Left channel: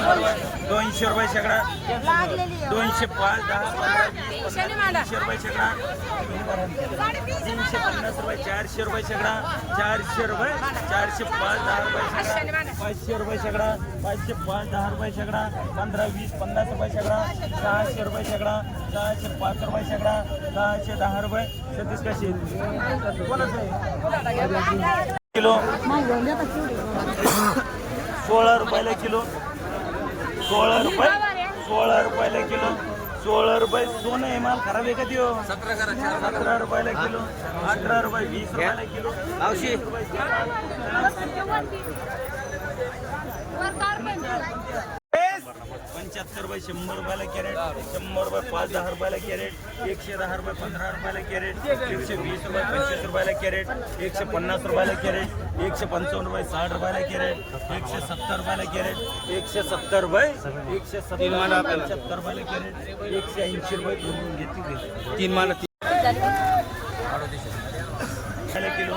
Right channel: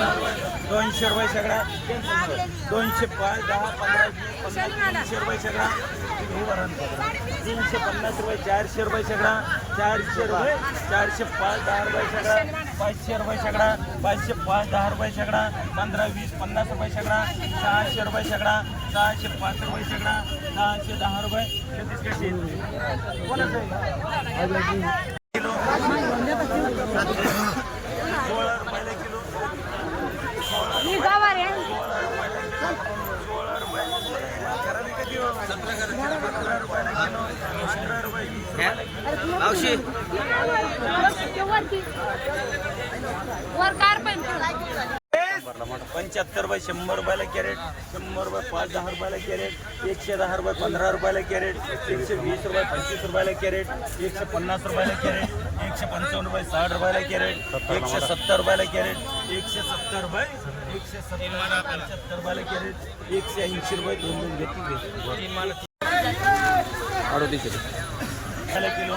दोनशे रुपये सगळा दोनशे पाच दहा पंधरा वीस पन्नास तीनशे रुपये सगळा तीनशे पन्नास रुपये चारशे रुपये सगळा चारशे रुपये चारशे पाच दहा रुपये सगळा पाचशे रुपये सगळा पाचशे पाच दहा रुपये सगळा पंधरा वीस पन्नास रुपये सगळा सहाशे रुपये सगळा सहाशे पाच रुपये सगळा सहाशे दहा रुपये. छत्तीस कशी कोणाचं आहे? किलो. सोळा रुपयाला किलो. सोळा रुपये सोळा रुपयाला किलो. सोळा रुपये दोन आहे माल खराब आहे का देऊ सतरा रुपयाला किलो. अठरा रुपये वीस रुपयाला किलो. मावशी. वर कार पण पुढं. पंच्याहत्तर रुपये शंभर रुपयाला कॅरेट शंभर रुपये पाच दहा रुपयाला कॅरेट एकशे दहा रुपये पंधरा रुपयाला कॅरेट एकशे वीस रुपये पंचवीस रुपयाला कॅरेट एकशे पन्नास रुपयाला कॅरेट एकशे पंचावन्न रुपये साठ रुपयाला कॅरेट एकशे सत्तर रुपयाला कॅरेट एकशे सत्तर रुपये एकशे सत्तर पंच्याहत्तर रुपयाला कॅरेट एकशे ऐंशी रुपये घेतली. तीन मान रुपयाला किलो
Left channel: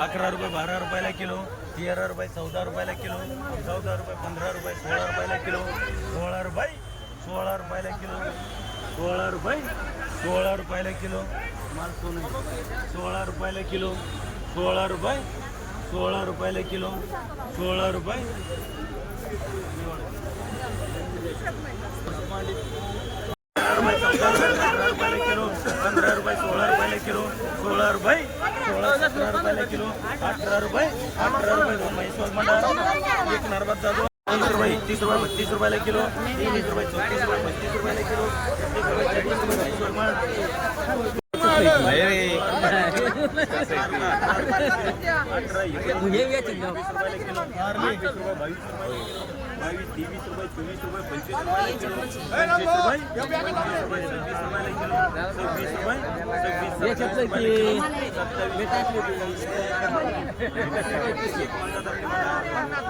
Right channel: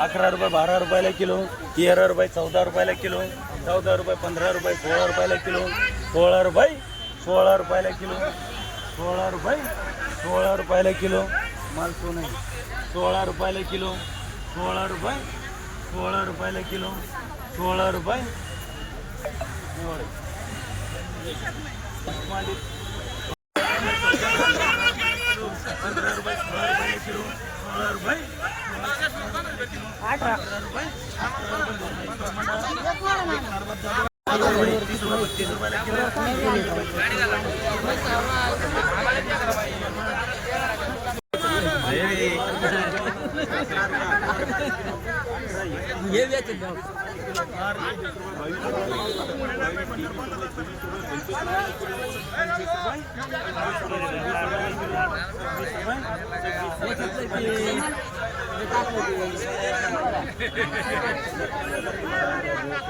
अकरा रुपये बारा रुपयाला किलो तेरा रुपये चौदा रुपयाला किलो चौदा रुपये पंधरा रुपये सोळा रुपयाला किलो सोळा रुपये सोळा रुपयाला किलो सोळा रुपये सोळा रुपयाला किलो सोळा रुपयाला किलो सोळा रुपये सोळा रुपयाला किलो सोळा रुपये पंधरा रुपये सोळा रुपयाला किलो सोळा रुपये सोळा सतरा रुपयाला किलो अठरा रुपये अठरा रुपये दोन म्हैसूर मंडळ एक रुपये एकतीस रुपये बत्तीस रुपयाला किलो. तीस रुपये रुपयाला किलो. एकतीस रुपये तीस रुपये अठरा एकोणीस वीस रुपयाला किलो वीस रुपये बावीस रुपये बावीस तेवीस रुपये चोवीस रुपये पंचवीस रुपयाला किलो पंचवीस रुपये पंचवीस रुपये सव्वीस रुपयाला किलो सव्वीस रुपये सव्वीस सत्तावीस रुपयाला किलो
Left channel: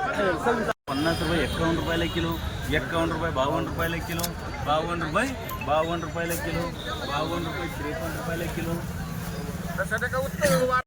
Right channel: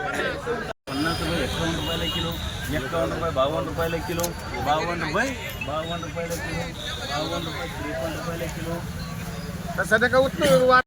सत्तावीस पन्नास रुपये एक्कावन्न रुपयाला किलो एक्कावन्न रुपये बावन्न रुपयाला किलो बावन्न रुपये बावन्न रुपयाला किलो बावन्न रुपये त्रेपन्न रुपयाला किलो सध्या का उत्तर